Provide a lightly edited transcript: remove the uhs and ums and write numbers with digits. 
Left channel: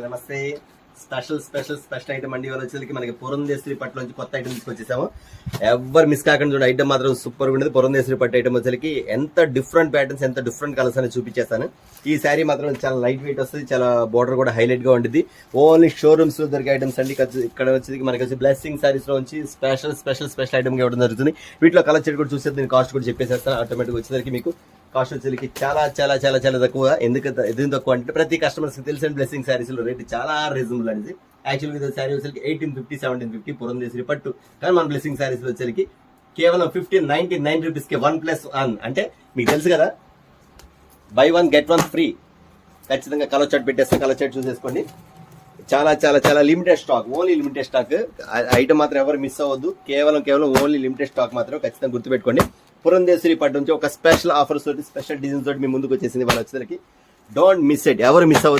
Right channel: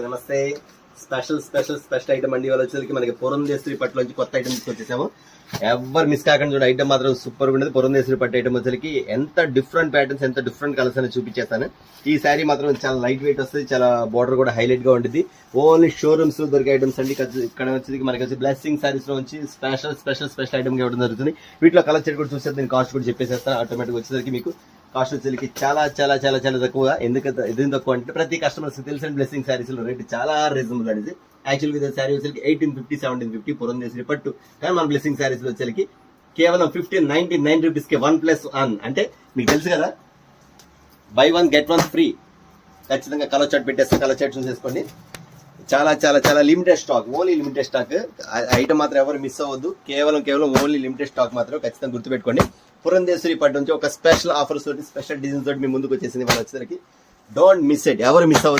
నమస్తే. Special item అండి. వాళ్ళు వచ్చేసరికి మనకి పురంధేశ్వరి పట్టు నుంచి కొత్త ఐటమ్ తీసుకొచ్చేసాము. ఎవరు మిస్ కాకుండా చూడ ఐటమ్ మాత్రం సూపర్ గా ఉండేది. పురంధేశ్వరి పట్టు ఐటమ్ వచ్చేసరికి ఎంత డిఫరెంట్ ప్యాటర్న్స్, ఎంత డిఫరెంట్ కలర్స్ అని చూపించేస్తాను. ఈ శారీ మాత్రం చాలా లైట్ వెయిట్ వస్తుంది, చాలా బోర్డర్ కూడా హైలైట్ గా ఉంటుంది. ఓన్లీ షోరూమ్స్ లో దొరికే ఐటమ్స్ అండి. ఇక్కడ వచ్చేది మనకి వచ్చి బ్లెస్సింగ్ సారీస్ లో వచ్చి స్పెషల్ ఐటమ్ గా ఇవ్వడం జరుగుతుంది. వీటిలో కలర్ చెట్ కూడా చూస్తే దీని కాస్ట్ కూడా చెప్పేసేస్తాను. ఆటోమేటిక్ వచ్చేసరికి మీకు కాస్ట్ వచ్చేసరికి చాలా చాలా చాలా చాలా తక్కువ. ఎందుకు తక్కువ అంటే ప్రతి కస్టమర్స్ తెలిసిన బ్లెస్సింగ్ సారీస్ లో రేట్ చాలా రీజనబుల్ అనేది. యాక్చువల్గా ఇది శారీ వచ్చేసరికి 1850, 1750 పురంధేశ్వరి పట్టు. కానీ మన బ్లెస్సింగ్ సారీస్ లో వచ్చేసరికి కేవలం 1599 రూపీస్ కి 1+1 అంటే మీకు తెలుసు కదా, బై 1 get 1 ఫ్రీ. ఖచ్చితంగా కలర్ చార్ట్ పెట్టేస్తే కలర్ చార్ట్ చూసేసుకోండి. చాలా చాలా చాలా limited stock, only limited stock. Item మాత్రం ఎవరు మిస్ అవ్వద్దు. కేవలం ఓన్లీ లిమిటెడ్ స్టాక్ మాత్రం ఖచ్చితంగా గుర్తుపెట్టుకోండి. పురంధేశ్వరి పట్టు నుంచి ఒక స్పెషల్ ఆఫర్స్ తోటి, స్పెషల్ డిజైన్స్ తోటి మీ ముందుకు వచ్చేసింది. వాళ్ళు వచ్చేసరికి డోంట్ మిస్ ఇట్, ఎవరు మిస్ అవ్వద్దు.